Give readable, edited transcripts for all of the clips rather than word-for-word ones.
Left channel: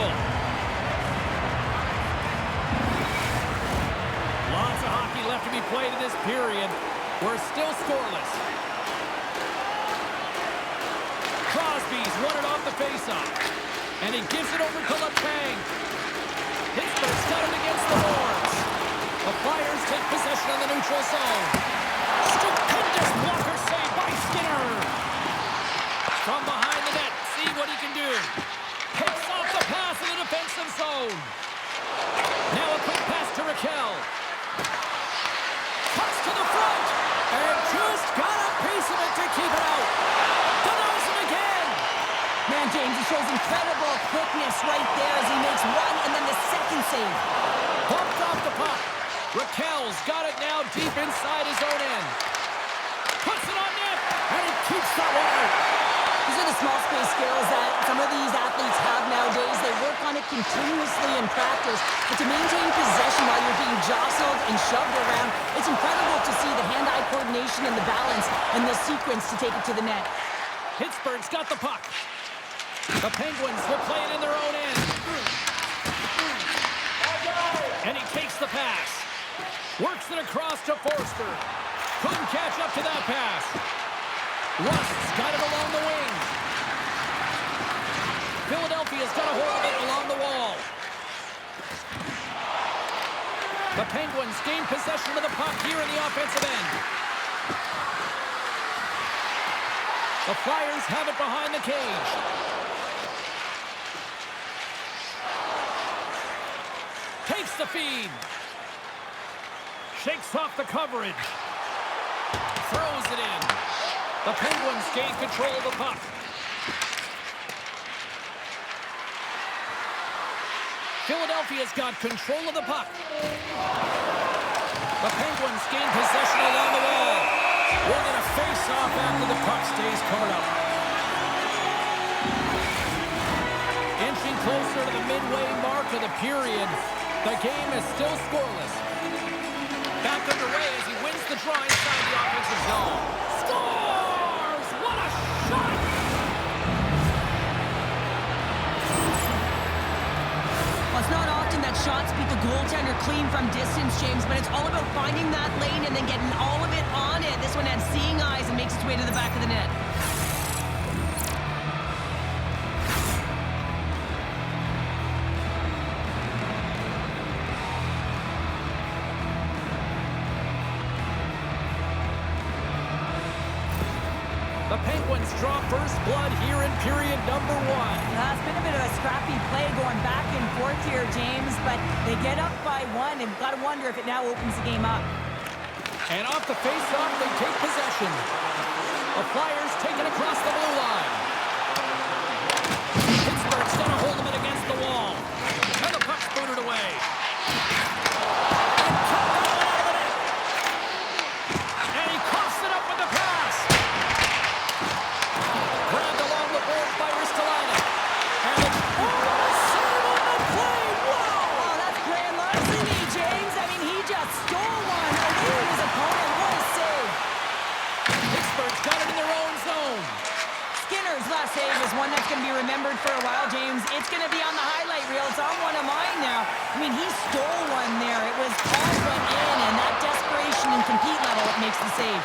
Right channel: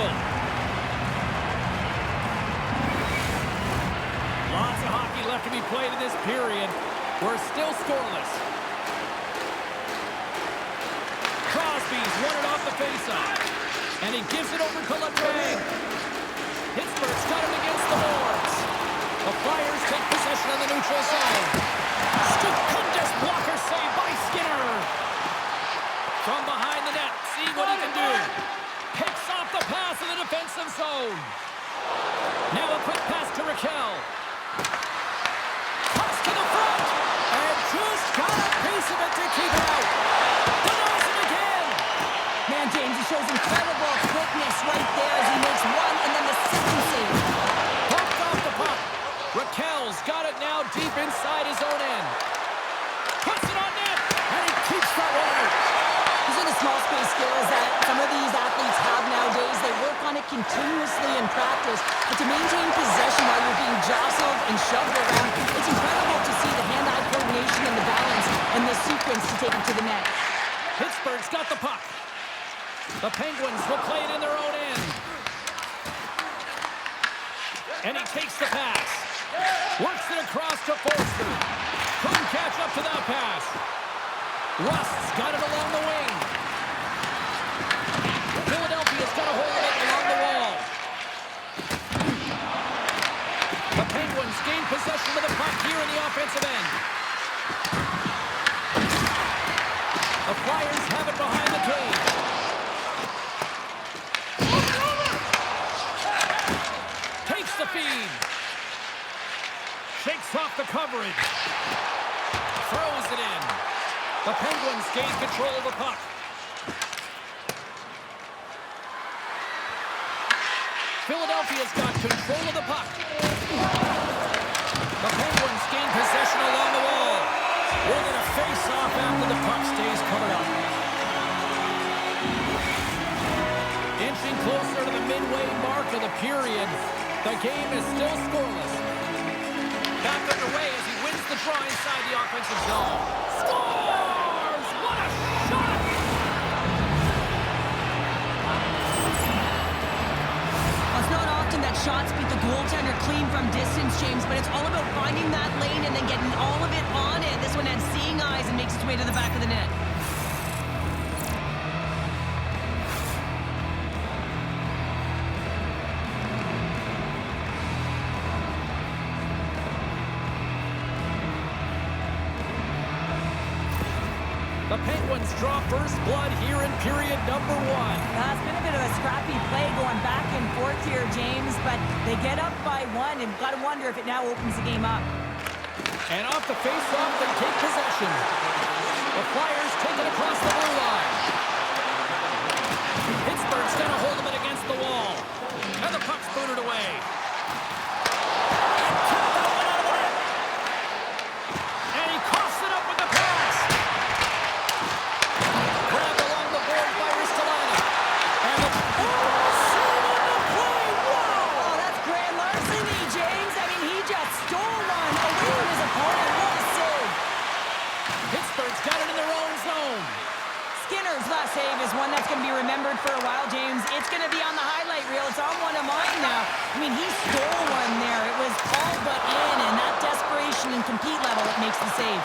whistle. Lots of hockey left to be played in this period. We're still scoreless. Crosby's won it off the faceoff. And he gives it over to Letang. Pittsburgh's got it against the boards. The Flyers take possession of the neutral zone. Stupendous blocker save by Skinner. From behind the net, see what he can do. Picks off the pass in the defensive zone. Now a quick pass to Raquel. Toss to the front. And just got a piece of it to keep it out. Denies him again. Man, James, he shows incredible quickness right there as he makes one and then the second save. Bumped off the puck. Raquel's got it now deep inside his own end. Puts it on net, and he keeps that one out. These are the small space skills that some of these athletes have nowadays. They work on it continuously in practice, but to maintain possession while you're being jostled and shoved around, it's incredible to see the hand-eye coordination and the balance and the sequence to take it to the net. Pittsburgh's got the puck. The Penguins will play it in their own end. And he takes the pass. Works it across to Forster. Couldn't catch up to that pass. Rust's got it along the wing. Philadelphia's got a hold of it along the wall. The Penguins gain possession of the puck here in the offensive end. The Flyers have it behind the cage. Takes the feed. Shakes off the coverage. Throws it in. The Penguins gain control of the puck. Philadelphia's got control of the puck. The Penguins gain possession along the wall. We're going to face off after the puck stays covered up. Inching closer to the midway mark of the period. The game is still scoreless. Back underway as he wins the draw inside the offensive zone. Scores! What a shot! Well, it's not often that shots beat the goaltender clean from distance, James, but it's all about finding that lane and then getting all of it on it. This one had seeing eyes and makes its way to the back of the net. The Penguins draw first blood here in period number 1. It's been a bit of a scrappy play going back and forth here, James, but they get up by 1, and got to wonder if it now opens the game up. And off the face-off, they take possession. The Flyers take it across the blue line. Pittsburgh's got a hold of it against the wall. And the puck's booted away. And kept that one out of the net. And he coughs it up with the pass. Grabbed along the boards by Ristolainen. And the save on the play. Whoa! Oh, that's grand larceny, James. I mean, he just stole one away from his opponent. What a save. Pittsburgh's got it in their own zone. Skinner's last save is one that's going to be remembered for a while, James. It's going to be on the highlight reel. It's on one of mine now. I mean, he stole one there. It was all but in, and that desperation and compete level that makes the save.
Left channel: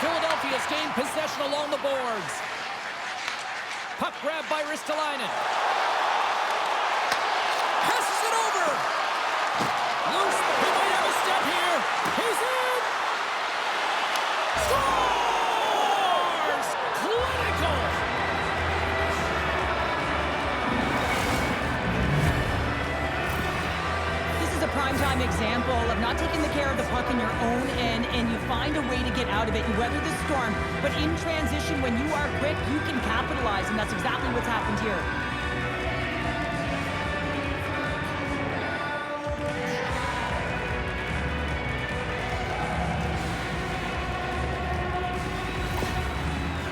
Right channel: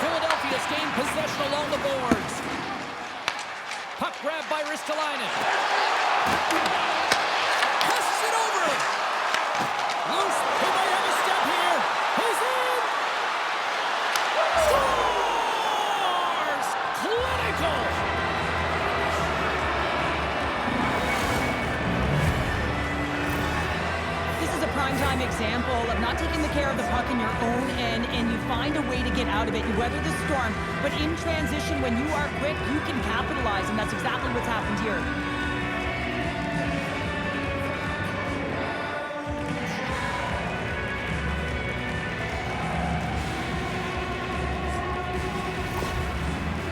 Philadelphia's gained possession along the boards. Puck grabbed by Ristolainen. Passes it over. Loose. He might have a step here. He's in. Scores! Clinical. This is a primetime example of not taking the care of the puck in your own end, and you find a way to get out of it. You weather the storm, but in transition, when you are quick, you can capitalize, and that's exactly what's happened here.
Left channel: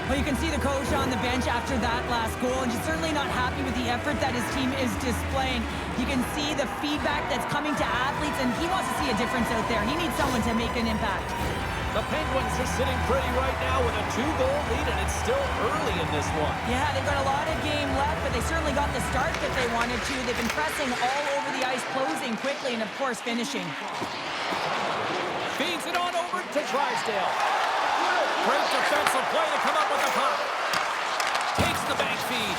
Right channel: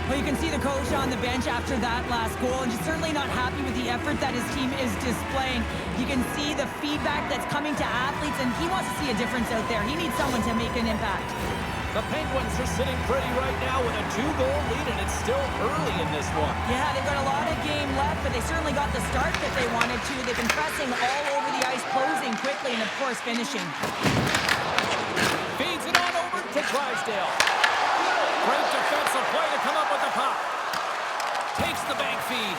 Well, you can see the coach on the bench after that last goal, and he's certainly not happy with the effort that his team is displaying. You can see the feedback that's coming to athletes, and he wants to see a difference out there. He needs someone to make an impact. The Penguins are sitting pretty right now with a 2-goal lead, and it's still early in this one. Yeah, they've got a lot of game left, but they certainly got the start that they wanted to. They've been pressing all over the ice, closing quickly, and of course finishing. Feeds it on over to Drysdale. Great defensive play to come up with the puck. Takes the bank feed.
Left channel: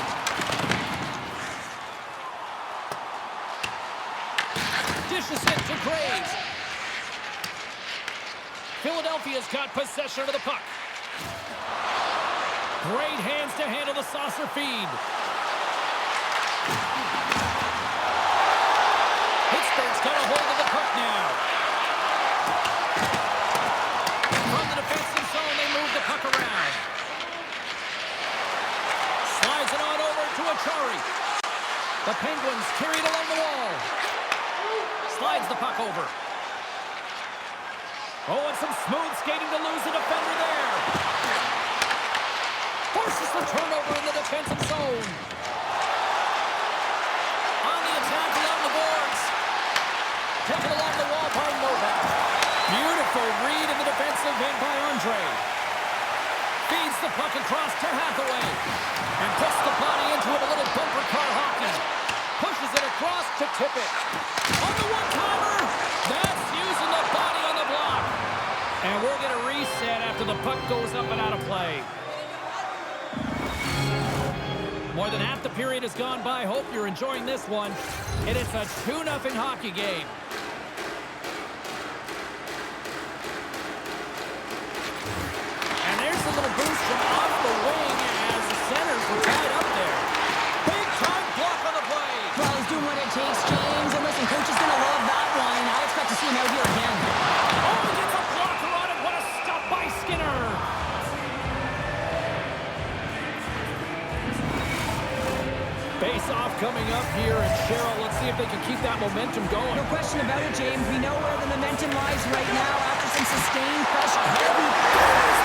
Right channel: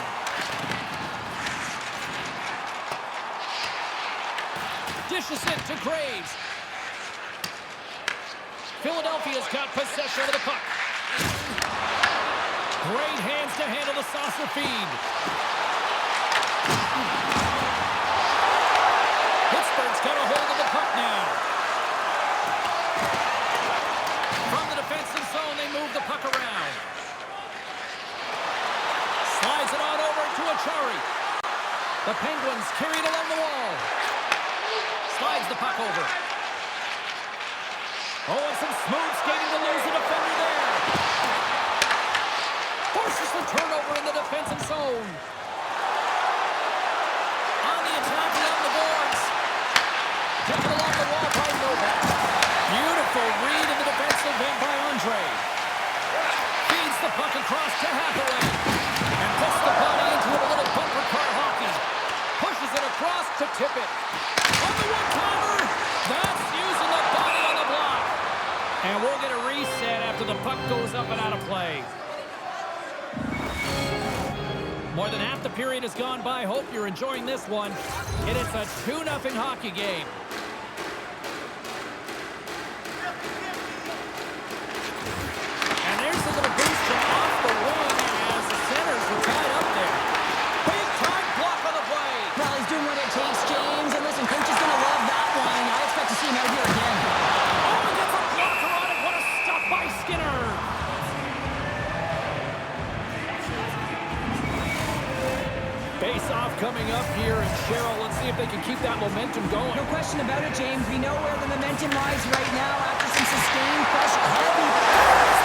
Dishes it to Graves. Philadelphia's got possession of the puck. Great hands to handle the saucer feed. Pittsburgh's got a hold of the puck now. From the defensive zone, they move the puck around. Slides it on over to Achari. The Penguins carry it along the wall. Slides the puck over. Oh, and some smooth skating to lose the defender there. Forces the turnover in the defensive zone. On the attack along the boards. Taken along the wall by Novak. Beautiful read in the defensive end by Andre. Feeds the puck across to Hathaway. And puts the body into it, a little bumper car hockey. Pushes it across to tip it. On the one-timer. That's using the body on the block. And we'll get a reset after the puck goes up and out of play. More than half the period has gone by. Hope you're enjoying this one. And it's a 2-0 hockey game. And there's a little boost from off the wing as the centers were tied up there. Big time block on the play. Well, he's doing what it takes, James. And listen, coach is going to love that one. I expect to see him out here again. Oh, he gets a blocker on it. What a stop by Skinner. Face-off coming up here, and Cheryl, let's see if they can keep that momentum going. No question about it, James. We know where the momentum lies right now after some sustained pressure. Heavy.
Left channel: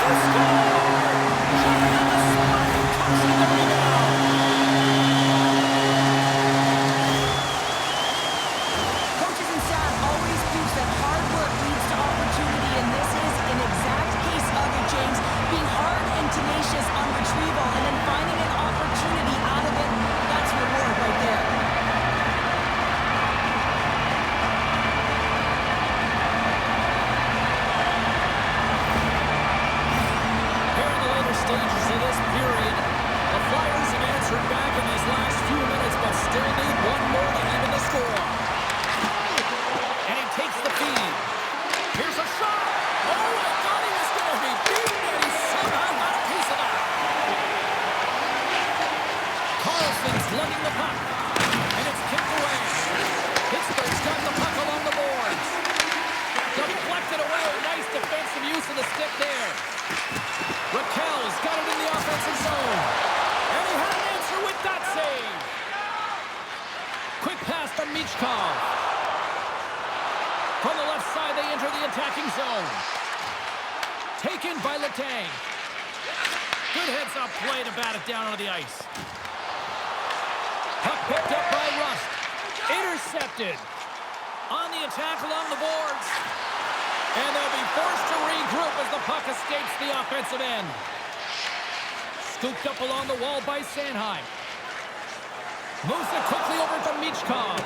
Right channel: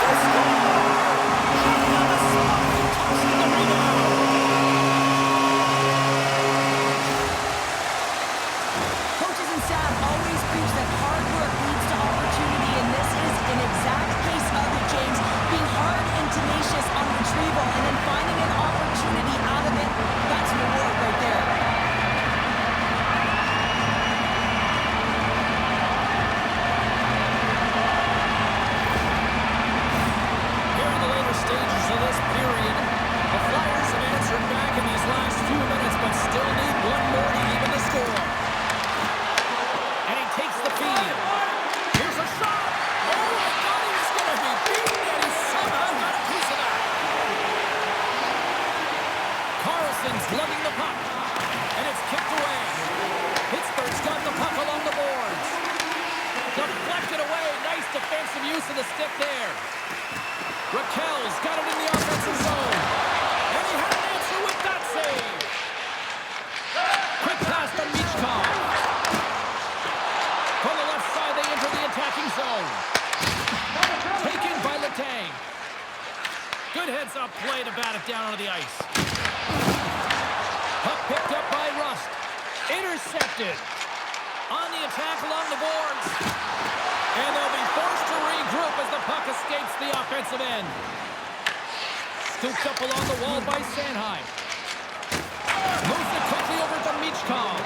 There's the score! Jumping on the spot and tossing the rebound. Coaches and staff always preach that hard work leads to opportunity, and this is an exact case of it, James. Being hard and tenacious on retrieval and then finding an opportunity out of it, that's reward right there. Here in the later stages of this period, the Flyers have answered back in these last few minutes, but still need one more to even the score. And he takes the feed. Here's a shot. Oh, I thought he was going to be beaten, and he somehow got a piece of that. Carlson's lugging the puck, and it's kicked away. Pittsburgh's got the puck along the boards. Deflected away. Nice defensive use of the stick there. Raquel's got it in the offensive zone. And he had an answer with that save. Quick pass to Michkov. From the left side, they enter the attacking zone. Taken by Letang. Good heads-up play to bat it down onto the ice. Puck picked up by Rust. Intercepted. On the attack along the boards. And they'll be forced to regroup as the puck escapes the offensive end. Scooped up along the wall by Sanheim. Moves it quickly over to Michkov.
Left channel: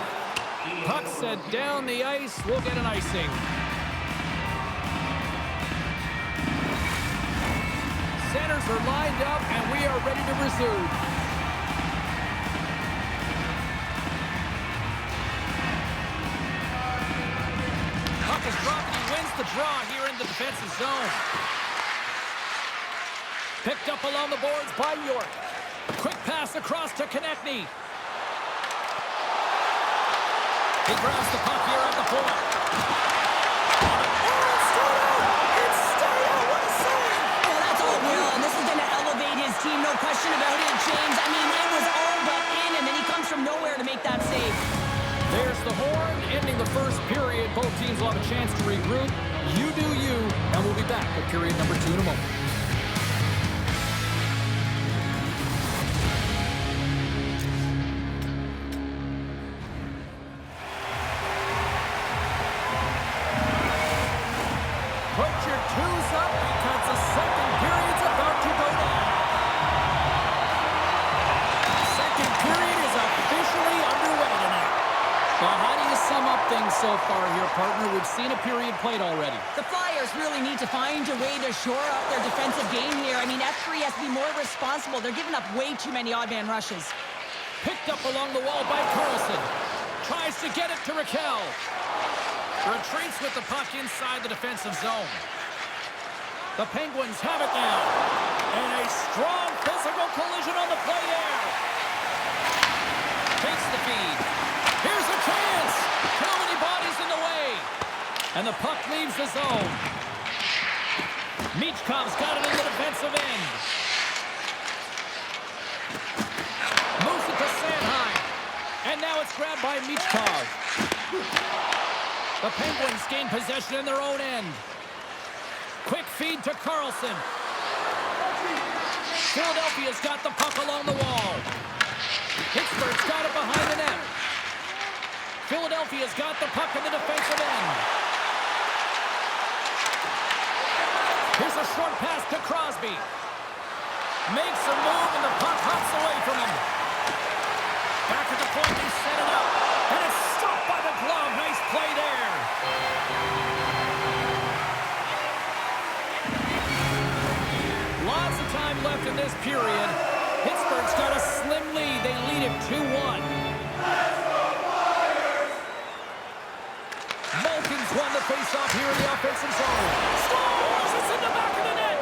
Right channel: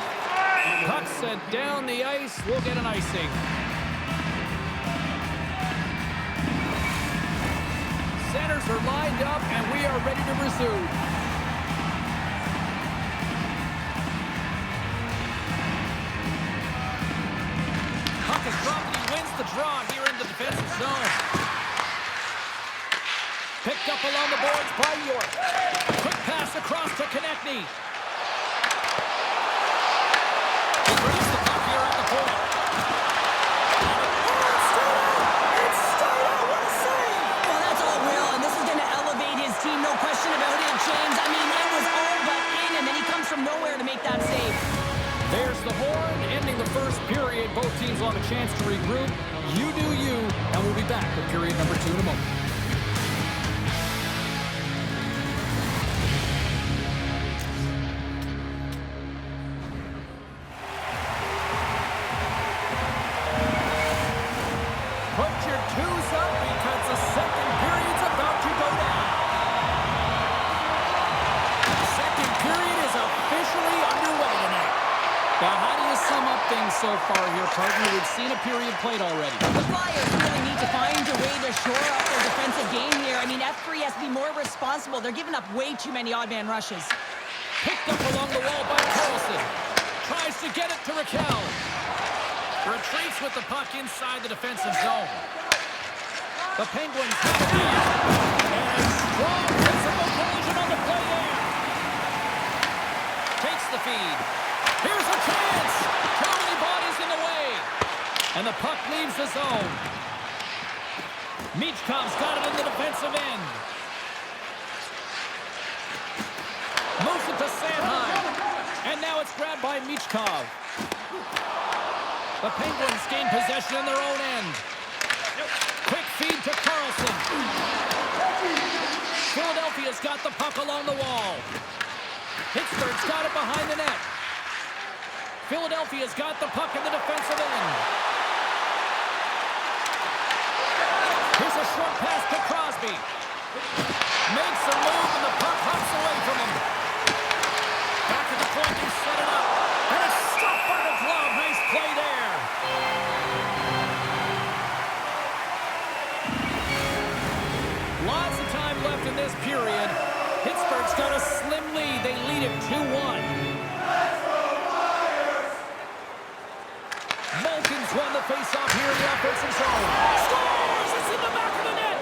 Puck sent down the ice. We'll get an icing. Centers are lined up, and we are ready to resume. Puck is dropped, and he wins the draw here in the defensive zone. Picked up along the boards by York. Quick pass across to Konechny. He grabs the puck here at the point. Oh, it's stayed out! It's stayed out! What a save! Well, that's all Will, and this is going to elevate his team, no question about it, James. I mean, it was all but in, and then he comes from nowhere to make that save. There's the horn, ending the first period. Both teams will have a chance to regroup. You do you, and we'll be back with period number 2 in a moment. your twos up because the second period's about to go down. The second period is officially underway tonight. Well, how do you sum up things so far here, partner? We've seen a period played already. The Flyers really need to find a way to shore up their defensive game here. I mean, F3 has to be more responsible. They're giving up way too many odd man rushes. Picked up along the wall by Carlson. Tries to get it to Raquel. Retreats with the puck inside the defensive zone. The Penguins have it now. And a strong physical collision on the play there. Takes the feed. Here's a chance. Too many bodies in the way. And the puck leaves the zone. Michkov's got it in the defensive end. Moves it to Sanheim. And now it's grabbed by Michkov. The Penguins gain possession in their own end. Quick feed to Carlson. Philadelphia's got the puck along the wall. Pittsburgh's got it behind the net. Philadelphia's got the puck in the defensive end. Here's a short pass to Crosby. Makes a move and the puck hops away from him. Back at the point, they set it up. And it's stopped by the glove. Nice play there. Lots of time left in this period. Pittsburgh's got a slim lead. They lead it 2-1. Malkin's won the faceoff here in the offensive zone. Scores! It's in the back of the net.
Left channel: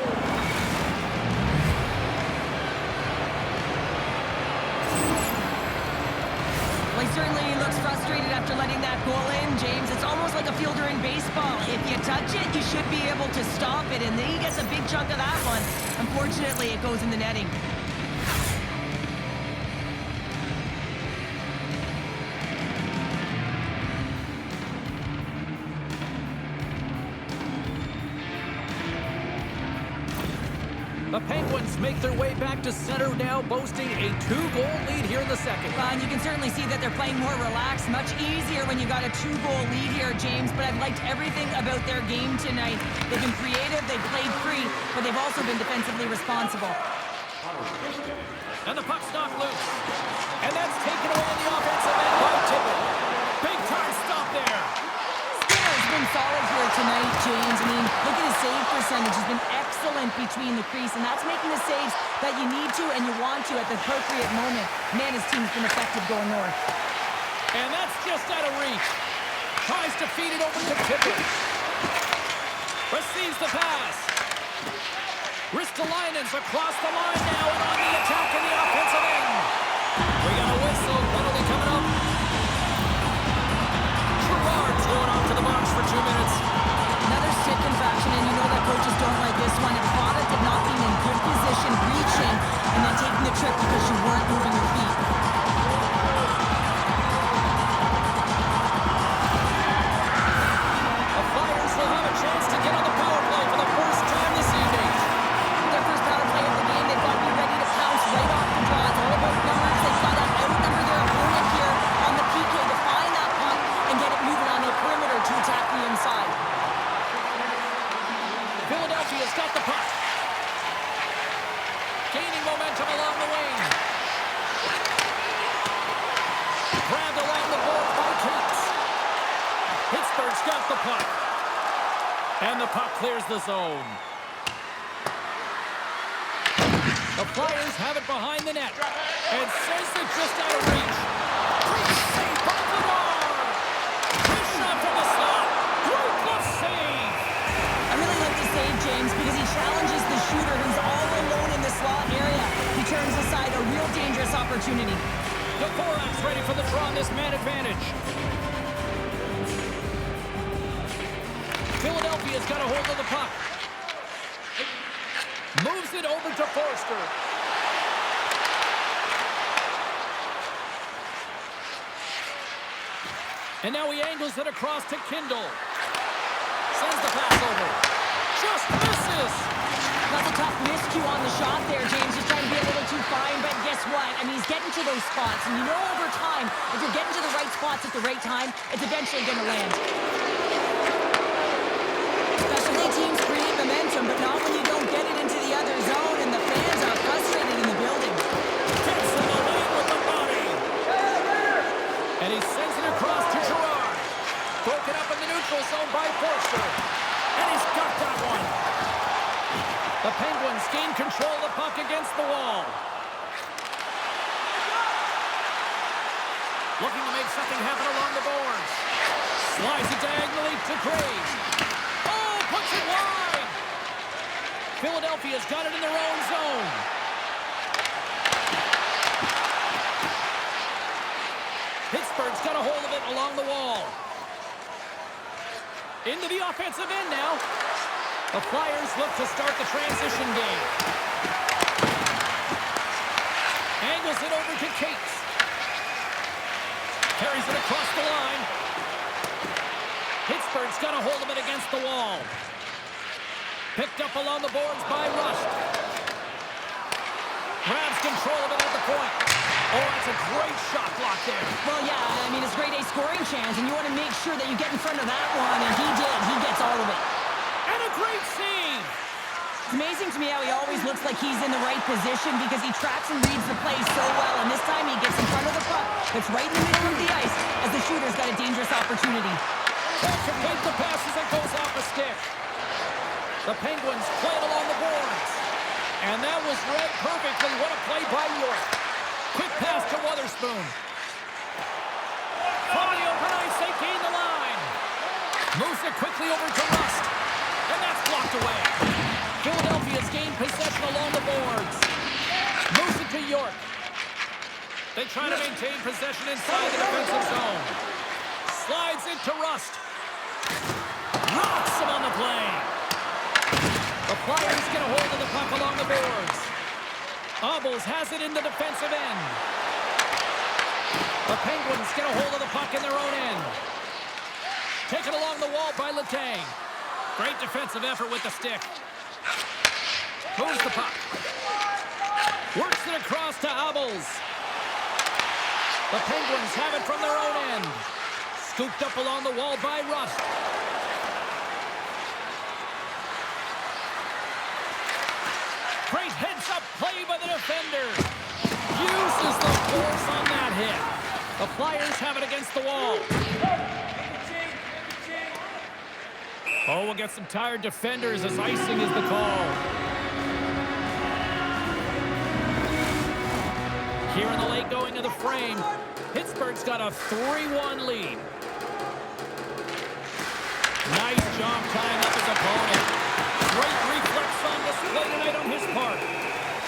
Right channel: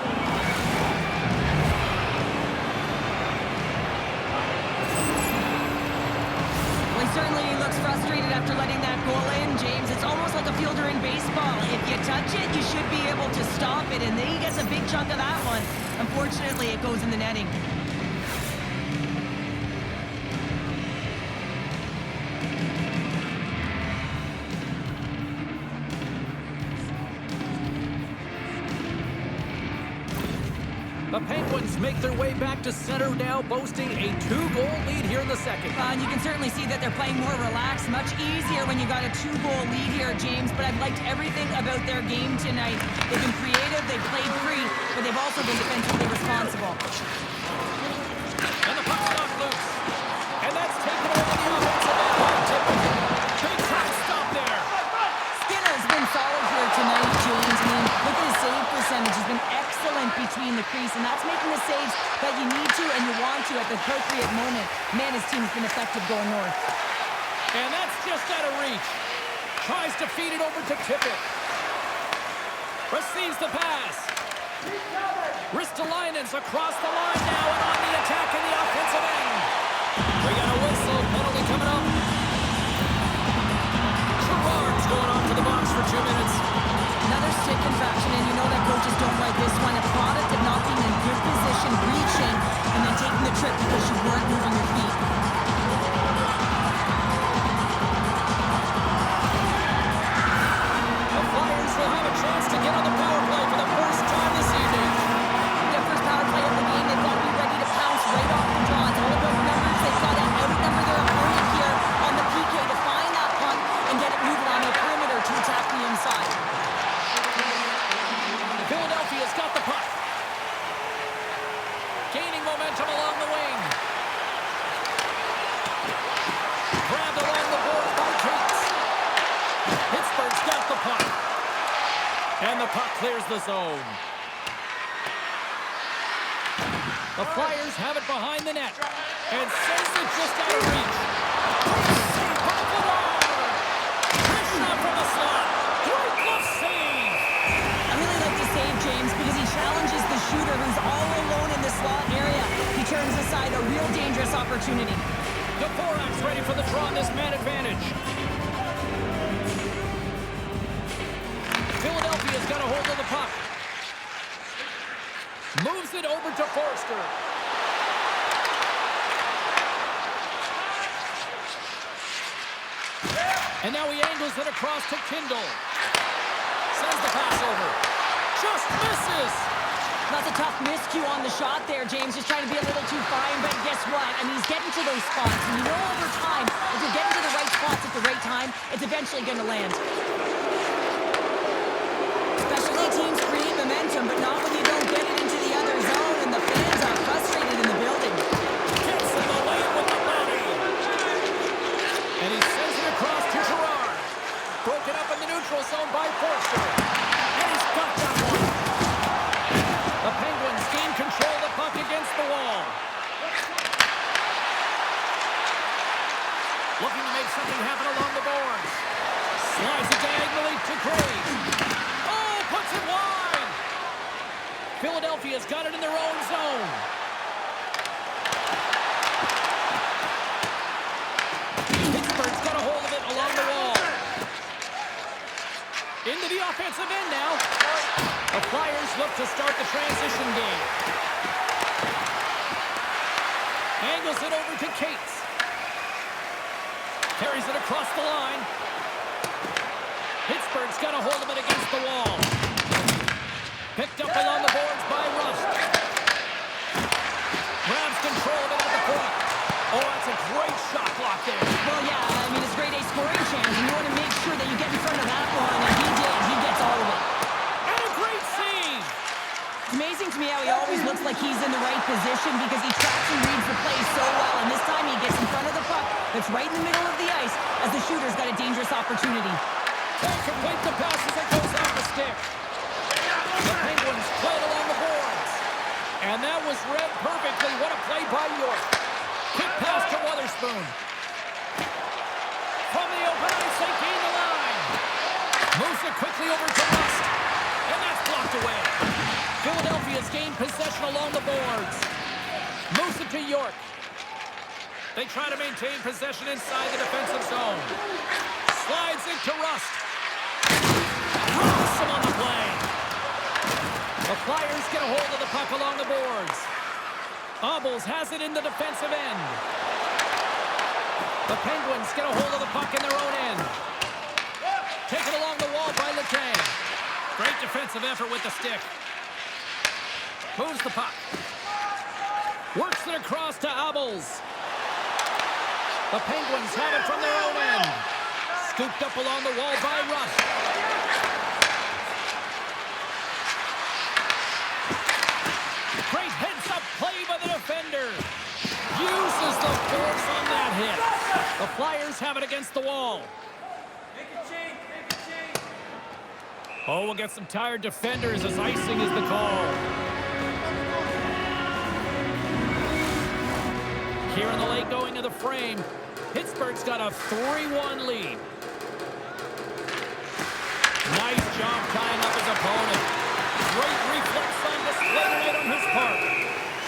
Well, he certainly looks frustrated after letting that goal in, James. It's almost like a fielder in baseball. If you touch it, you should be able to stop it, and then he gets a big chunk of that one. Unfortunately, it goes in the netting. The Penguins make their way back to center now, boasting a 2-goal lead here in the second. And you can certainly see that they're playing more relaxed, much easier when you got a 2-goal lead here, James. But I've liked everything about their game tonight. They've been creative, they've played free, but they've also been defensively responsible. And the puck's knocked loose. And that's taken away in the offensive end by Tippett. Big time stop there. Skinner's been solid here tonight, James. I mean, look at his save percentage. He's been excellent between the crease, and that's making the saves that you need to and you want to at the appropriate moment. Man, his team's been effective going north. And that's just out of reach. Tries to feed it over to Tippett. Receives the pass. Ristolainen's across the line now and on the attack in the offensive end. We got a whistle. Penalty coming up. Gerard's going off to the box for 2 minutes. Another stick infraction, and you know that coaches don't like this one. A product of not being in good position, reaching, and then taking the trip because you weren't moving your feet. The Flyers will have a chance to get on the power play for the first time this evening. Their first power play of the game, they've got to be ready to pounce right off the draw. It's all about numbers. They've got to outnumber their opponent here on the PK to find that puck and get it moving on the perimeter to attack the inside. Philadelphia's got the puck. Gaining momentum along the wing. Grabbed along the boards by Cates. Pittsburgh's got the puck. And the puck clears the zone. The Flyers have it behind the net. And sends it just out of reach. Great save by Vladar. Great shot from the slot. Great glove save. I really like the save, James, because he challenges the shooter who's all alone in the slot area. He turns aside a real dangerous opportunity. Dvorak's ready for the draw on this man advantage. Philadelphia's got a hold of the puck. Moves it over to Forster. And now he angles it across to Kindle. Sends the pass over. Just misses. That's a tough miscue on the shot there, James. Just trying to be a little too fine, but guess what? I mean, he's getting to those spots. And you know over time, if you're getting to the right spots at the right time, it's eventually going to land. Specialty teams create momentum, but not when you don't get it into the other zone, and the fans are frustrated in the building. Gets in the lane with the body. And he sends it across to Gerard. Broken up in the neutral zone by Forster. And he's got that one. The Penguins gain control of the puck against the wall. Looking to make something happen along the boards. Slides it diagonally to Graves. Oh, puts it wide. Philadelphia's got it in their own zone. Pittsburgh's got a hold of it along the wall. Into the offensive end now. The Flyers look to start the transition game. Angles it over to Cates. Carries it across the line. Pittsburgh's got a hold of it against the wall. Picked up along the boards by Rust. Grabs control of it at the point. Oh, that's a great shot block there. Well, yeah, I mean, it's grade A scoring chance, and you want to make sure that you get in front of that one, and he did. He gets all of it. And a great save. It's amazing to me how he always looks like he's in the right position because he tracks and reads the play so well, and this time he gets in front of the puck that's right in the middle of the ice as the shooter's got a dangerous opportunity. Can't complete the pass as it goes off a stick. The Penguins play it along the boards. And that was read perfectly. What a play by York. Quick pass to Wotherspoon. From the open ice, they gain the line. Moves it quickly over to Rust. And that's blocked away. Philadelphia's gained possession along the boards. Moves it to York. They try to maintain possession inside the defensive zone. Slides it to Rust. Rocks him on the play. The Flyers get a hold of the puck along the boards. Obels has it in the defensive end. The Penguins get a hold of the puck in their own end. Taken along the wall by Letang. Great defensive effort with the stick. Moves the puck. Works it across to Obels. The Penguins have it from their own end. Scooped up along the wall by Rust. Great heads-up play by the defender. Uses the force on that hit. The Flyers have it against the wall. Oh, we'll get some tired defenders as icing is the call. Here in the late going of the frame, Pittsburgh's got a 3-1 lead. Nice job tying up his opponent. Great reflex on display tonight on his part.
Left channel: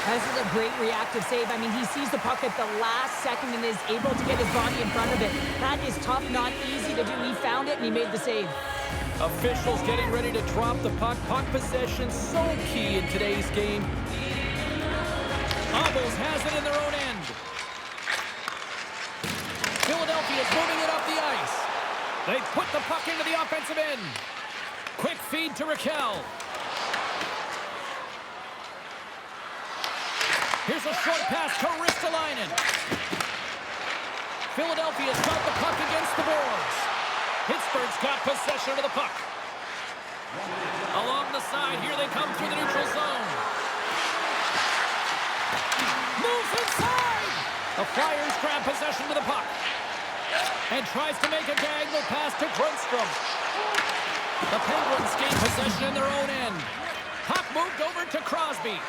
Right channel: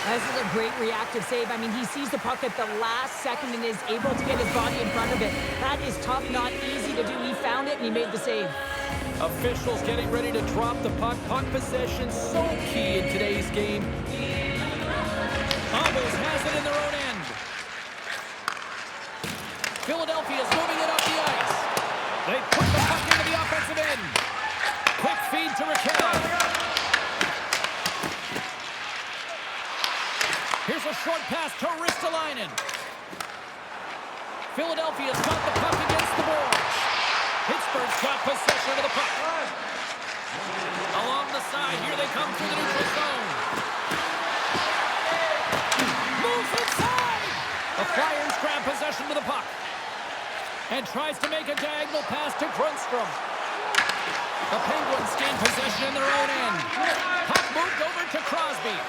This is a great reactive save. I mean, he sees the puck at the last second and is able to get his body in front of it. That is tough, not easy to do. He found it and he made the save. Officials getting ready to drop the puck. Puck possession so key in today's game. Obels has it in their own end. Philadelphia's moving it up the ice. They put the puck into the offensive end. Quick feed to Raquel. Here's a short pass to Ristolainen. Philadelphia's got the puck against the boards. Pittsburgh's got possession of the puck. Along the side, here they come through the neutral zone. Moves inside! The Flyers grab possession of the puck. And tries to make a diagonal pass to Grundstrom. The Penguins gain possession in their own end. Puck moved over to Crosby.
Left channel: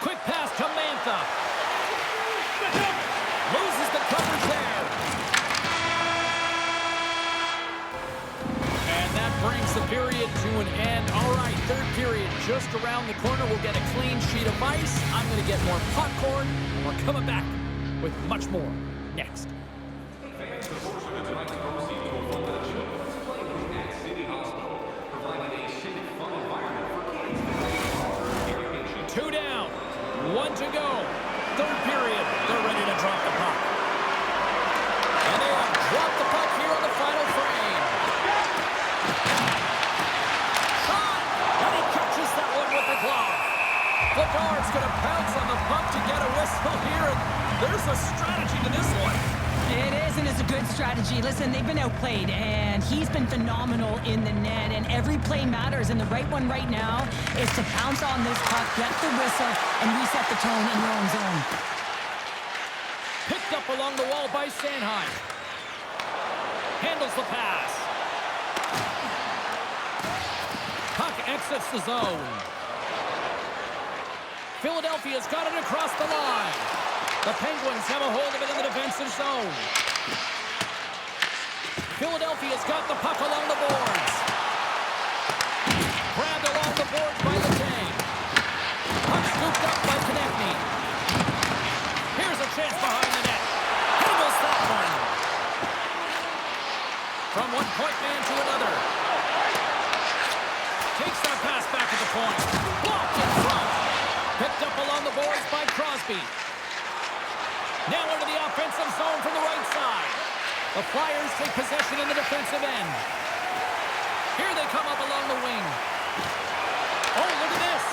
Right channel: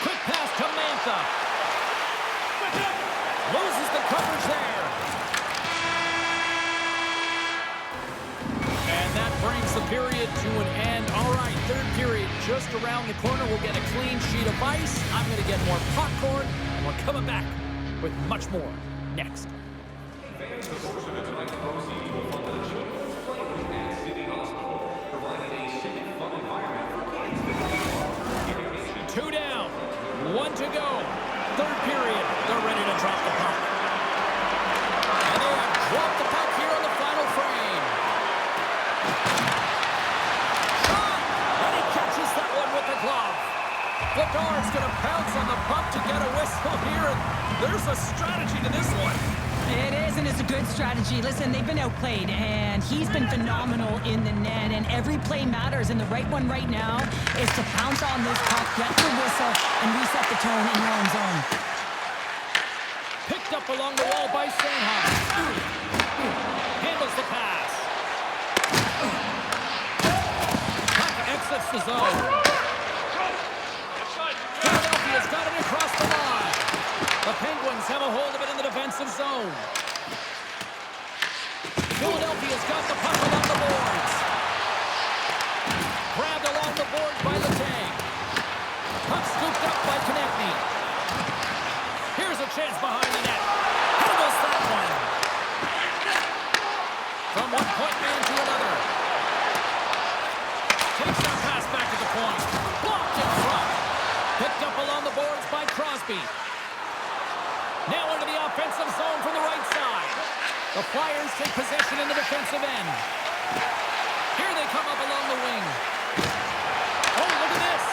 Quick pass to Mantha. Loses the coverage there. And that brings the period to an end. All right, third period just around the corner. We'll get a clean sheet of ice. I'm going to get more popcorn, and we're coming back with much more next. Fans, the portion of tonight's proceeds will fund the children's playroom at City Hospital, providing a safe, fun environment for kids that need irrigation. 2 down, 1 to go. Third period, they're ready to drop the puck. And they have dropped the puck here on the final frame. Shot! And he catches that one with the glove. Vladar's going to pounce on the puck to get a whistle here, and there's a strategy to this one. It is, and it's a good strategy. Listen, they've been outplayed, and he's been phenomenal in the net, and every play matters, and the right one right now is to pounce on this puck, get the whistle, and reset the tone in your own zone. Picked up along the wall by Sanheim. Handles the pass. Puck exits the zone. Philadelphia's got it across the line. The Penguins have a hold of it in the defensive zone. Philadelphia's got the puck along the boards. Grabbed along the boards by Letang. Puck scooped up by Konechny. Here's a chance behind the net. Handles that one. From one point man to another. Takes that pass back to the point. Blocked in front. Picked up along the boards by Crosby. Now into the offensive zone from the right side. The Flyers take possession in the defensive end. Here they come up along the wing. Oh, look at this.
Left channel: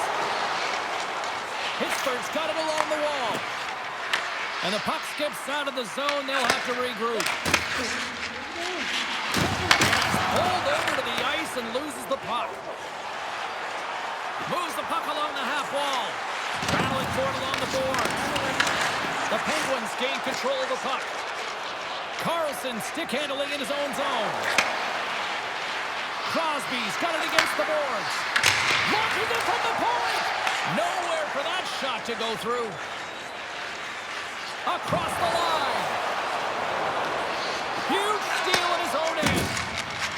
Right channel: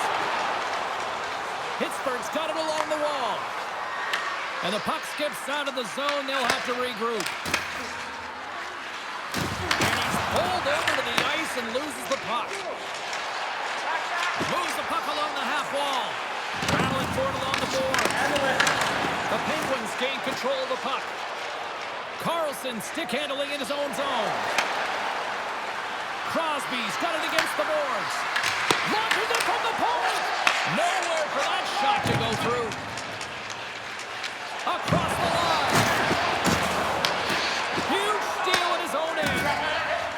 Pittsburgh's got it along the wall. And the puck skips out of the zone. They'll have to regroup. And he's pulled over to the ice and loses the puck. Moves the puck along the half wall. Battling for it along the board. The Penguins gain control of the puck. Carlson stick handling in his own zone. Crosby's got it against the boards. Launches it from the point. Nowhere for that shot to go through. Across the line. Huge steal in his own end.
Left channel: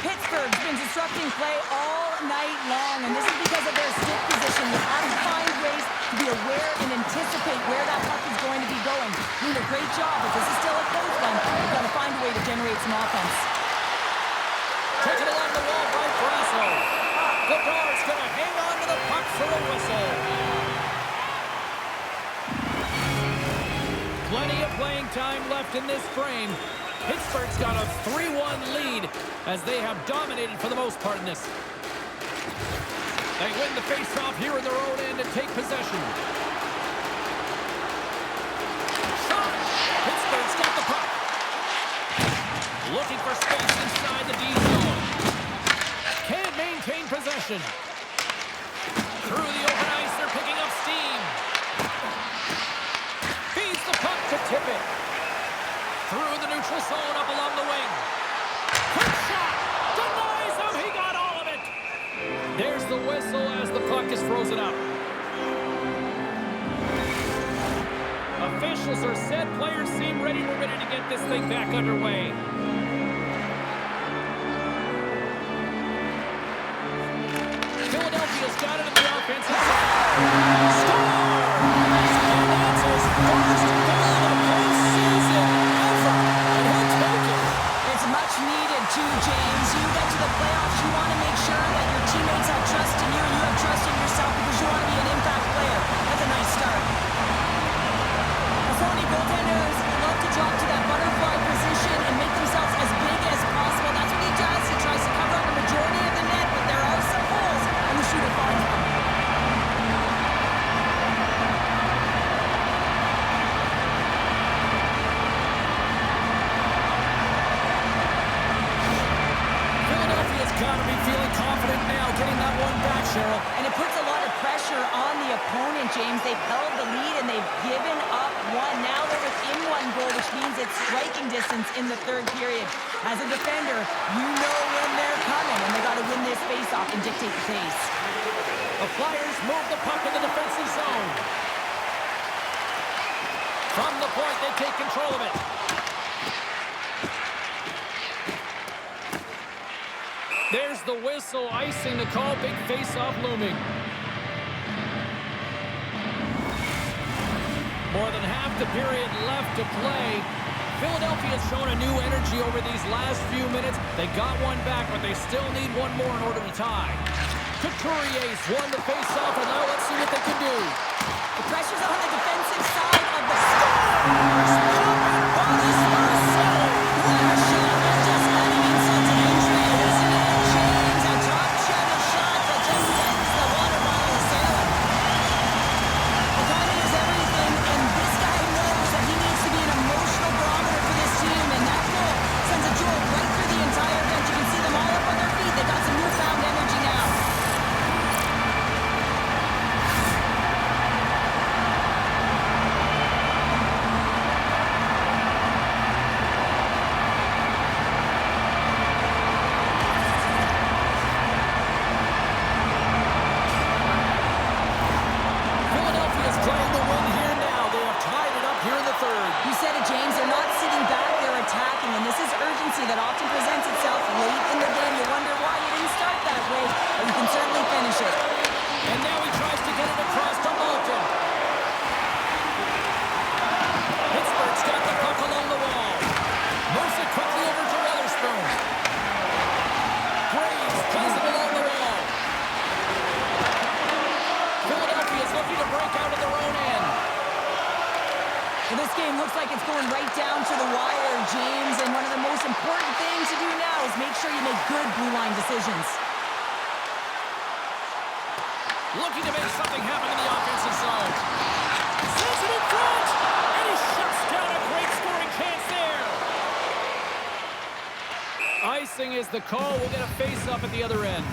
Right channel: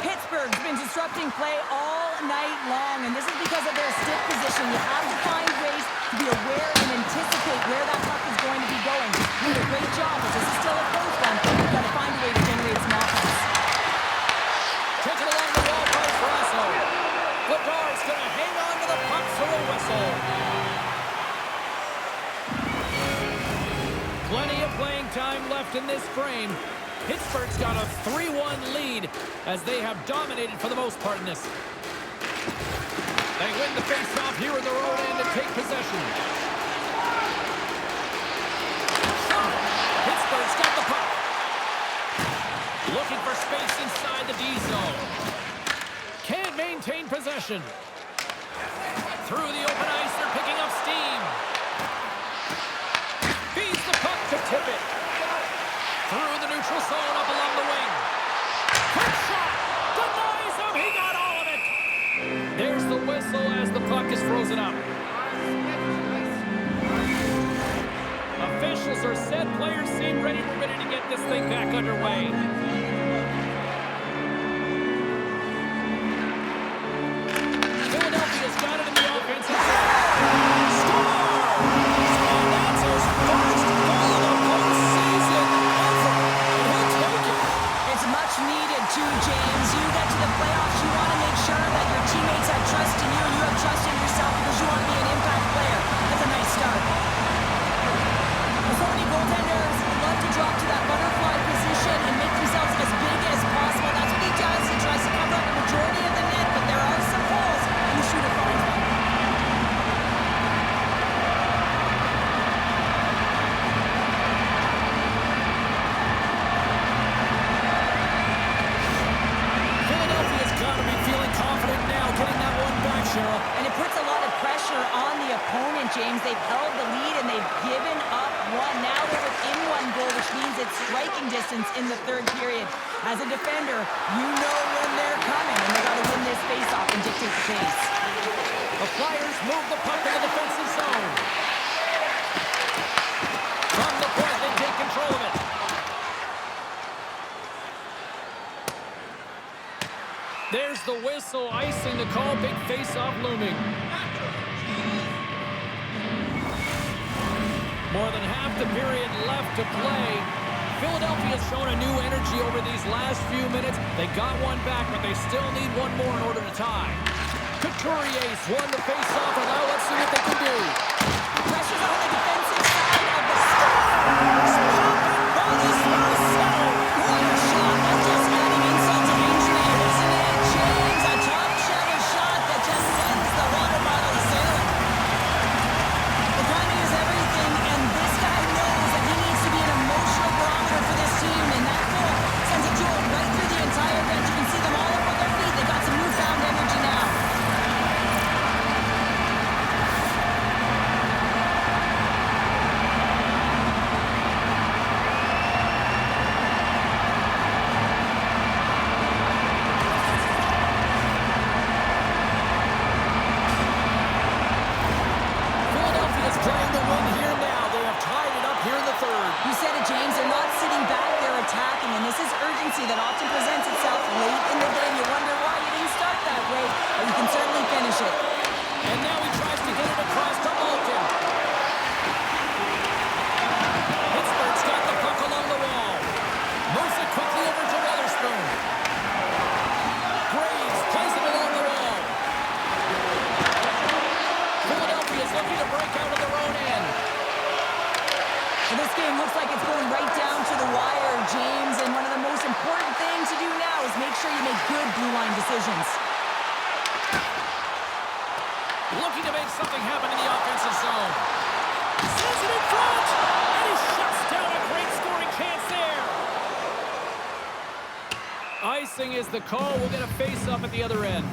Pittsburgh's been disrupting play all night long, and this is because of their stick position. You have to find ways to be aware and anticipate where that puck is going to be going. You did a great job, but this is still a close one. You've got to find a way to generate some offense. Taken along the wall by Brasso. Vladar's going to hang on to the puck for a whistle. Plenty of playing time left in this frame. Pittsburgh's got a 3-1 lead as they have dominated for the most part in this. They win the faceoff here in their own end and take possession. Shot! Pittsburgh's got the puck. Looking for space inside the D zone. Can't maintain possession. Through the open ice, they're picking up steam. Feeds the puck to tip it. Through the neutral zone, up along the wing. Quick shot! Denies him! He got all of it! There's the whistle as the puck is frozen up. Officials are set. Players seem ready to get this thing back underway. Philadelphia's got it in the offensive zone. Score! And that's his first goal of the postseason ever. And he'll take it. It's much needed too, James. You get to the playoffs, you want to make sure that your teammates have trust in you and you have trust in yourself because you want to be an impact player. That's a nice start. So many goaltenders love to drop to that butterfly position and make themselves as big as possible. That's what he does. He tries to cover up the majority of the net, but there are some holes, and the shooter finds one. Philadelphia's got to be feeling confident now, getting that one back, Cheryl. And it puts a lot of pressure on the opponent, James. They've held the lead and they've given up one. Now they're within one goal, which means it's striking distance in the third period. As a defender, you know when they're coming, and they got to win this faceoff and dictate the pace. The Flyers move the puck in the defensive zone. From the point, they take control of it. There's the whistle, icing the call, big face-off looming. More than half the period left to play. Philadelphia's shown a new energy over these last few minutes. They got one back, but they still need one more in order to tie. Couturier's won the face-off, and now let's see what they can do. The pressure's on the defensive side of the Stars. Popping bonus Marcelli. What a shot. That's just adding insult to injury, isn't it, James? A top cheddar shot that just sends the water bottle a-sailing. Well, timing is everything, and this guy knows that he needs to be an emotional barometer for this team, forward. You said it, James. They're not sitting back. They're attacking, and this is urgency that often presents itself late in the game. You wonder why you didn't start that way, but you can certainly finish it. And now he tries to get it across to Malkin. Pittsburgh's got the puck along the wall. Moves it quickly over to Weatherspoon. Graves plays it along the wall. Philadelphia's looking to break out of their own end. Well, this game looks like it's going right down to the wire, James, and one of the most important things to do now is make sure you make good blue line decisions. Looking to make something happen in the offensive zone. Sends it in front, and he shuts down a great scoring chance there. Icing is the call. We'll get a face-up at the other end.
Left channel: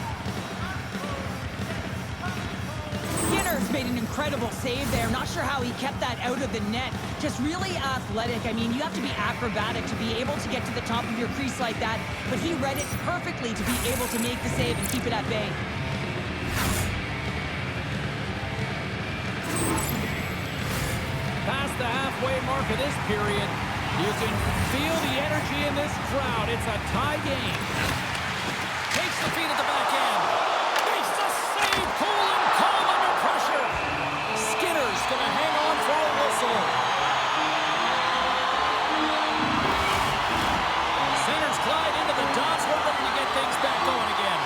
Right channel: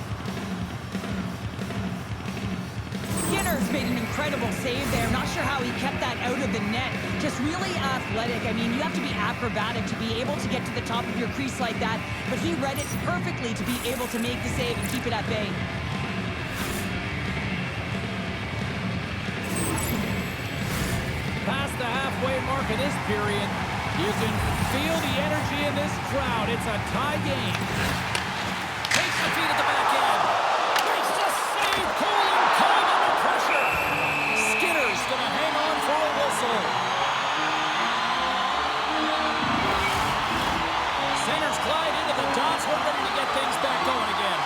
Skinner's made an incredible save there. Not sure how he kept that out of the net. Just really athletic. I mean, you have to be acrobatic to be able to get to the top of your crease like that, but he read it perfectly to be able to make the save and keep it at bay. Past the halfway mark of this period, you can feel the energy in this crowd. It's a tie game. Takes the feed at the back end. Makes the save. Cool and calm under pressure. Skinner's going to hang on for a whistle. Centers glide into the dots. We're ready to get things back going again.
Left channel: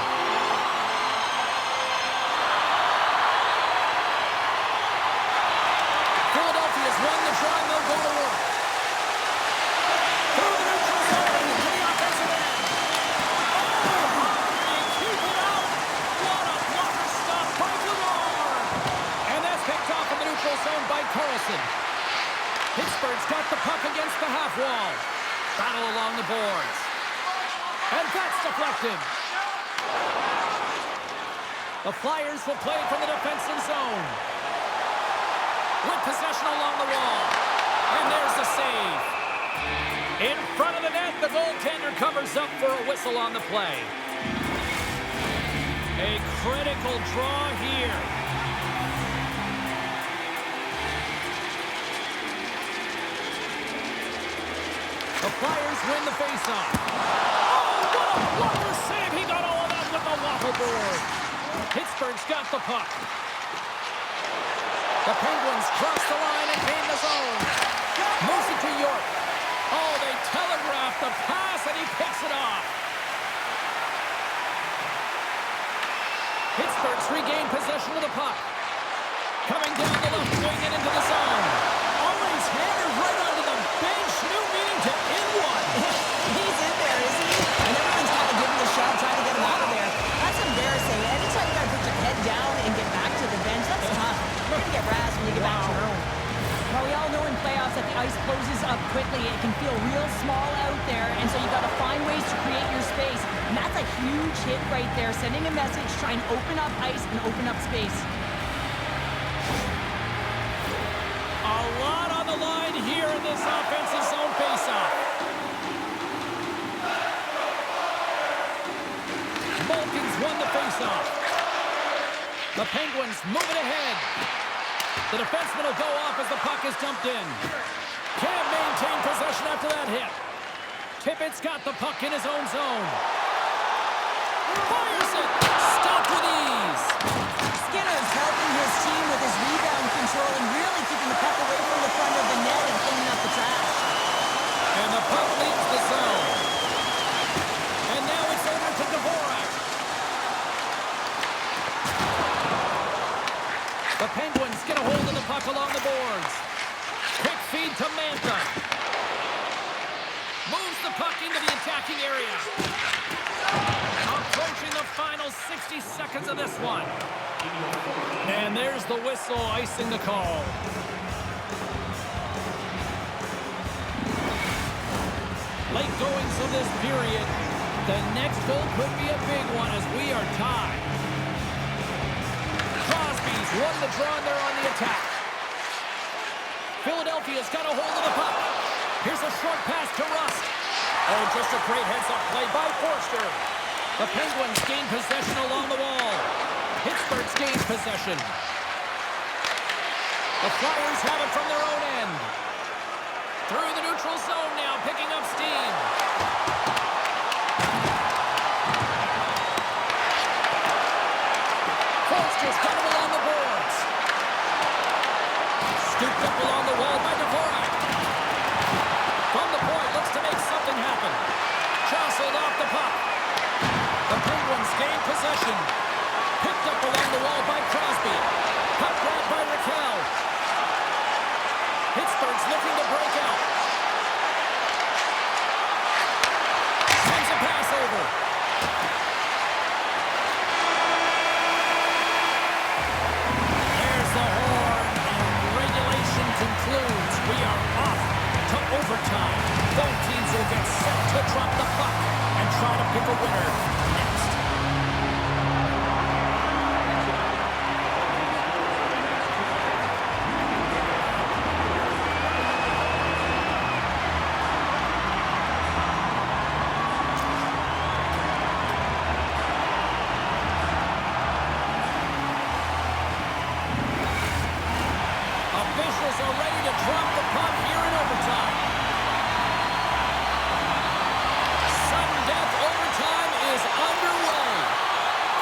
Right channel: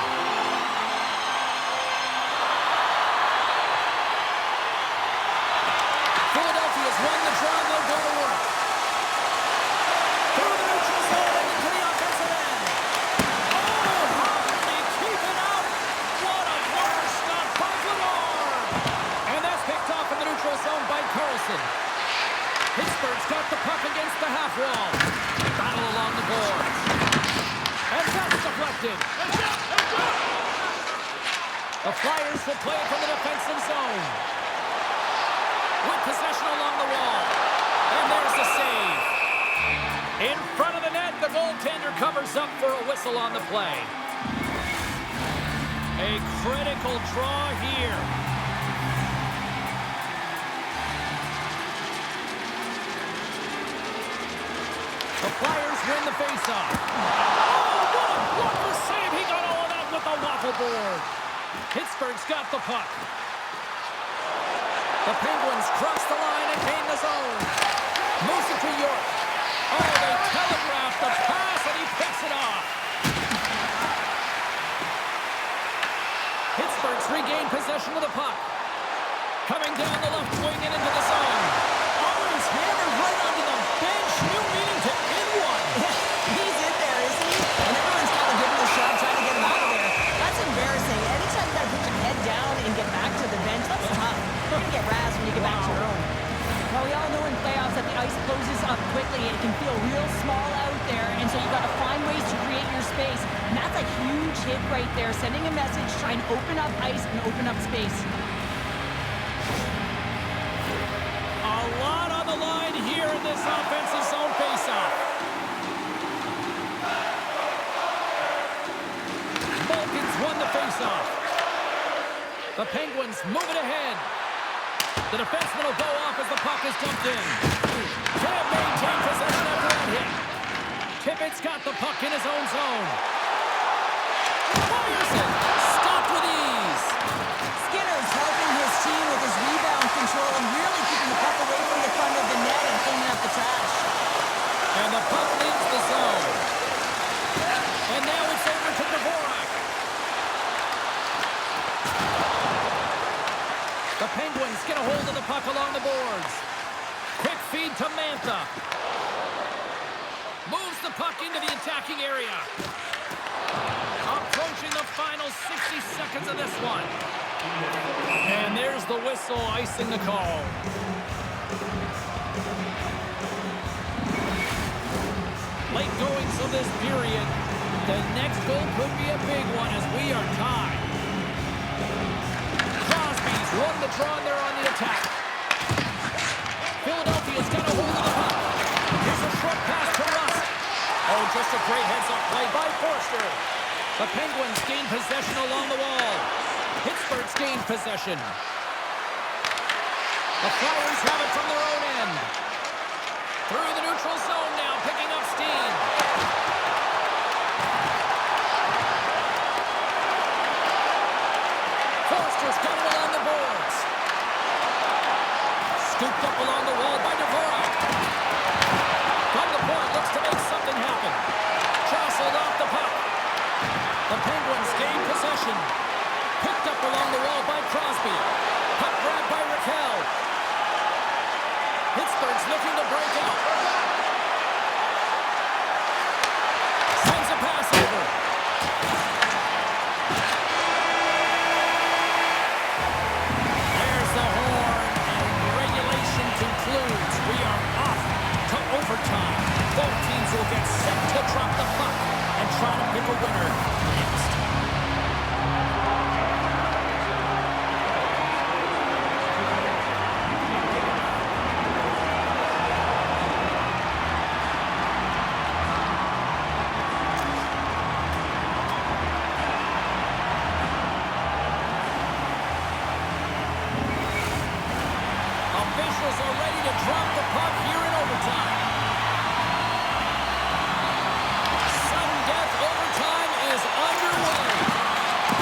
Philadelphia's won the draw, and they'll go to work. Through the neutral zone and into the offensive end. Oh, how did he keep it out? What a blocker stop by Vladar. And that's picked off in the neutral zone by Carlson. Pittsburgh's got the puck against the half wall. Battle along the boards. And that's deflected. The Flyers will play it from the defensive zone. With possession along the wall. And there's the save. In front of the net, the goaltender covers up for a whistle on the play. A critical draw here. The Flyers win the faceoff. Oh, what a blocker save. He got all of that with the waffle board. Pittsburgh's got the puck. The Penguins cross the line and gain the zone. Moves it to York. Oh, they telegraph the pass, and he picks it off. Pittsburgh's regained possession of the puck. Coming down the left wing and into the zone. Oh, and he's hammered right onto the bench. New meaning to in one. He's in there, isn't he? And everyone's kind of giving the shove, trying to get him out of there. That's embarrassing. Anytime you got to put your head down and get back to the bench, that's tough. You're going to get razzed when you get back to your own. Well, we all know in playoffs that the ice closes up quickly. It can feel real small out there, and so you got to find ways to create your space. And that's a huge hit right there, sending a message, trying to open up ice and open up space. A lot on the line here in this offensive zone faceoff. Malkin's won the faceoff. The Penguins move it ahead. The defenseman will go off as the puck is dumped in. Can't maintain possession after that hit. Tippett's got the puck in his own zone. Fires it. Stopped with ease. Skinner's helping his team with his rebound control and really keeping the puck away from the front of the net and cleaning up the trash. And the puck leaves the zone. And now it's over to Dvorak. The Penguins get a hold of the puck along the boards. Quick feed to Mantha. Moves the puck into the attacking area. Approaching the final 60 seconds of this one. And there's the whistle icing the call. Late goings of this period. The next goal could be a big one as we are tied. Crosby's won the draw and they're on the attack. Philadelphia's got a hold of the puck. Here's a short pass to Rust. Oh, just a great heads-up play by Forster. The Penguins gain possession along the wall. Pittsburgh's gained possession. The Flyers have it from their own end. Through the neutral zone now, picking up steam. Forster's got it along the boards. Scooped up along the wall by Dvorak. From the point, looks to make something happen. Jostled off the puck. The Penguins gain possession. Picked up along the wall by Crosby. Puck grab by Raquel. Pittsburgh's looking to break out. Sends a pass over. There's the horn, and regulation concludes. We are off to overtime. Both teams will get set to drop the puck and try to pick a winner next. Officials are ready to drop the puck here in overtime. Sudden death overtime is underway.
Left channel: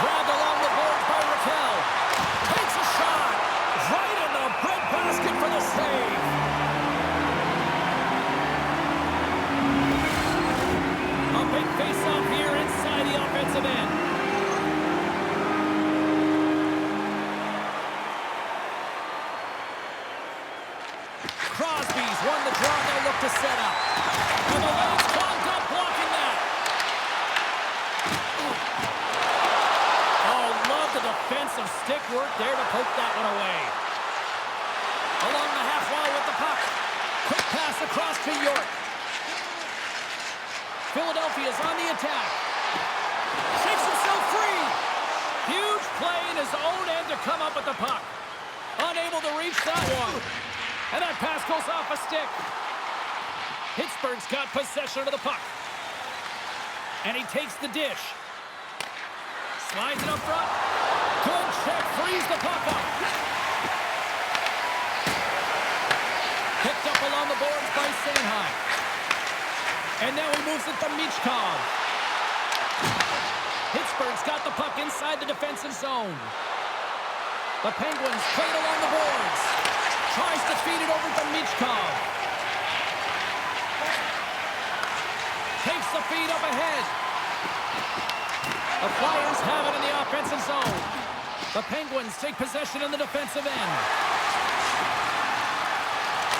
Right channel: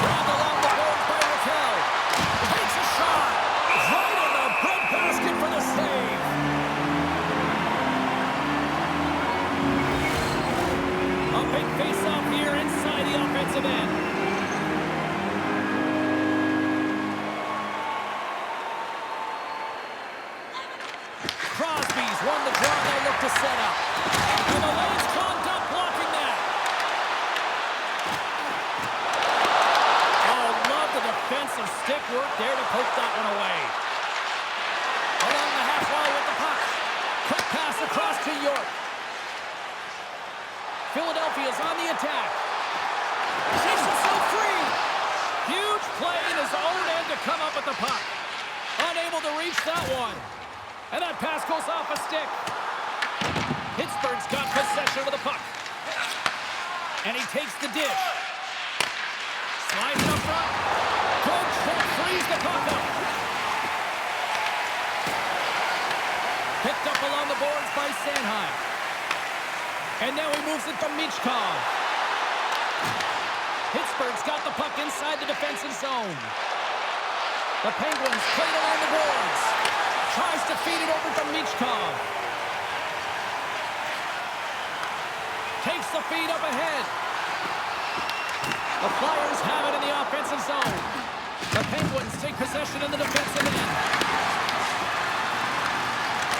Grabbed along the boards by Raquel. Takes a shot. Right in the breadbasket for the save. A big face-off here inside the offensive end. Crosby's won the draw. They'll look to set up. And the lane's clogged up, blocking that. Oh, love the defensive stick work there to poke that one away. Along the half wall with the puck. Quick pass across to York. Philadelphia's on the attack. Shakes himself free. Huge play in his own end to come up with the puck. Unable to reach that one. And that pass goes off a stick. Pittsburgh's got possession of the puck. And he takes the dish. Slides it up front. Good check, frees the puck up. Picked up along the boards by Sanheim. And now he moves it to Michkov. Pittsburgh's got the puck inside the defensive zone. The Penguins played along the boards. Tries to feed it over to Michkov. Takes the feed up ahead. The Flyers have it in the offensive zone. The Penguins take possession in the defensive end.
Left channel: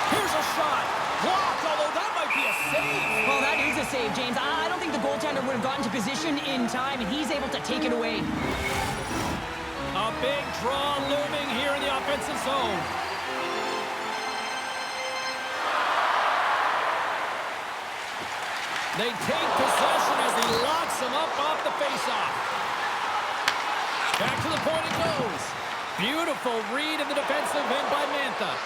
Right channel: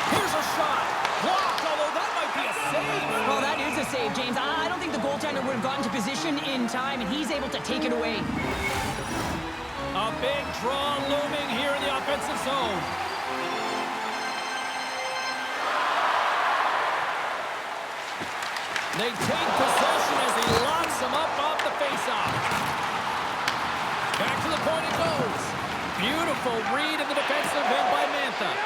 Here's a shot. Blocked, although that might be a save. Well, that is a save, James. I don't think the goaltender would have gotten to position in time, and he's able to take it away. A big draw looming here in the offensive zone. They take possession as he locks him up off the faceoff. Back to the point it goes. Beautiful read in the defensive end by Mantha.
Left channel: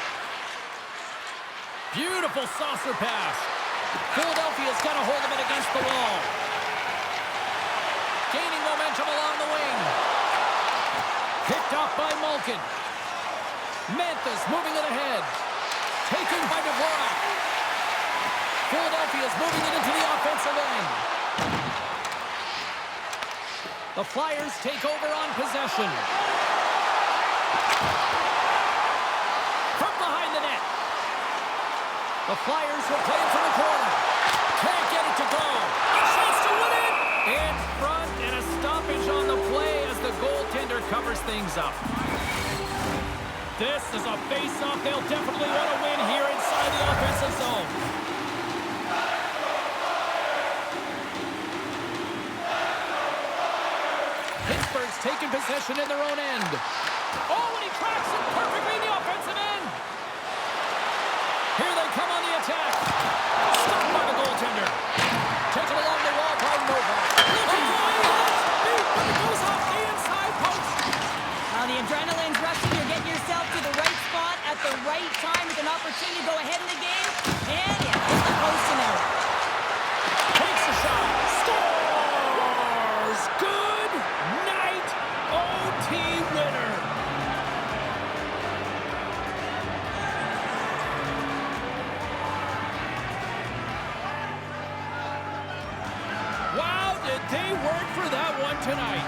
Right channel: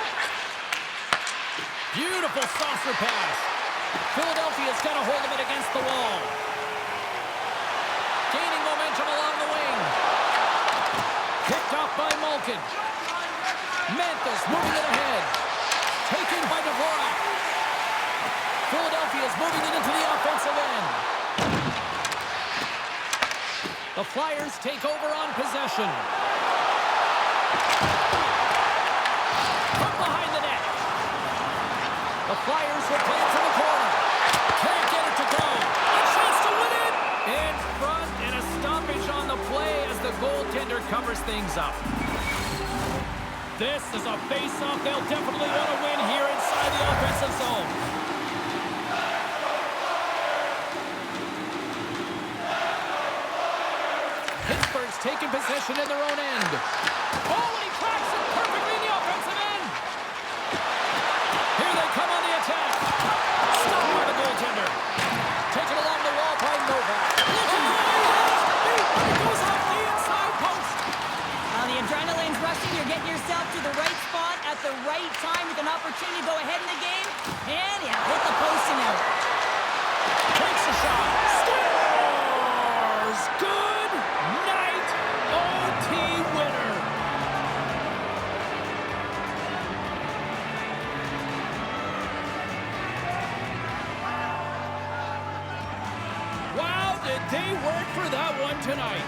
Beautiful saucer pass. Philadelphia's got a hold of it against the wall. Gaining momentum along the wing. Picked off by Malkin. Mantha's moving it ahead. Taken by Dvorak. Philadelphia's moving it into the offensive end. The Flyers take over on possession. From behind the net. The Flyers will play it from the corner. Can't get it to go. A chance to win it! In front, and a stoppage on the play as the goaltender covers things up. This is a face-off they'll definitely want to win here inside the offensive zone. Pittsburgh's taking possession in their own end. Oh, and he cracks it perfectly in the offensive end. Here they come on the attack. Stopped by the goaltender. Taken along the wall by Novak. Looking but it goes off the inside post. Now the adrenaline's rushing. You're getting yourself to the right spot at the right time with an opportunity to go ahead in the game. And yeah, hit the post and out. Takes a shot. Scores! Good night, OT winner. They work for that one tonight.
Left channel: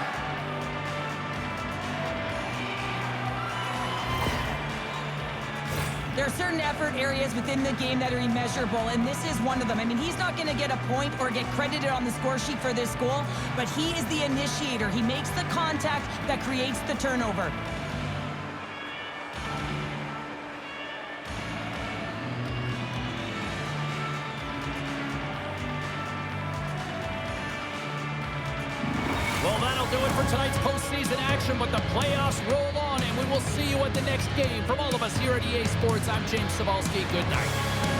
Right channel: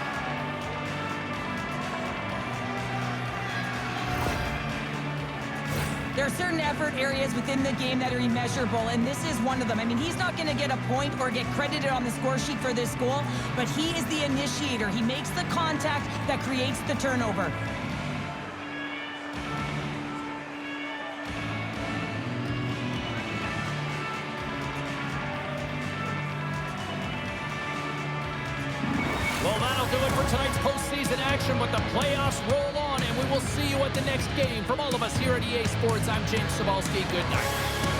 There are certain effort areas within the game that are immeasurable, and this is one of them. I mean, he's not going to get a point or get credited on the score sheet for this goal, but he is the initiator. He makes the contact that creates the turnover. Well, that'll do it for tonight's postseason action, but the playoffs roll on, and we will see you at the next game. From all of us here at EA Sports, I'm James Cebulski. Good night.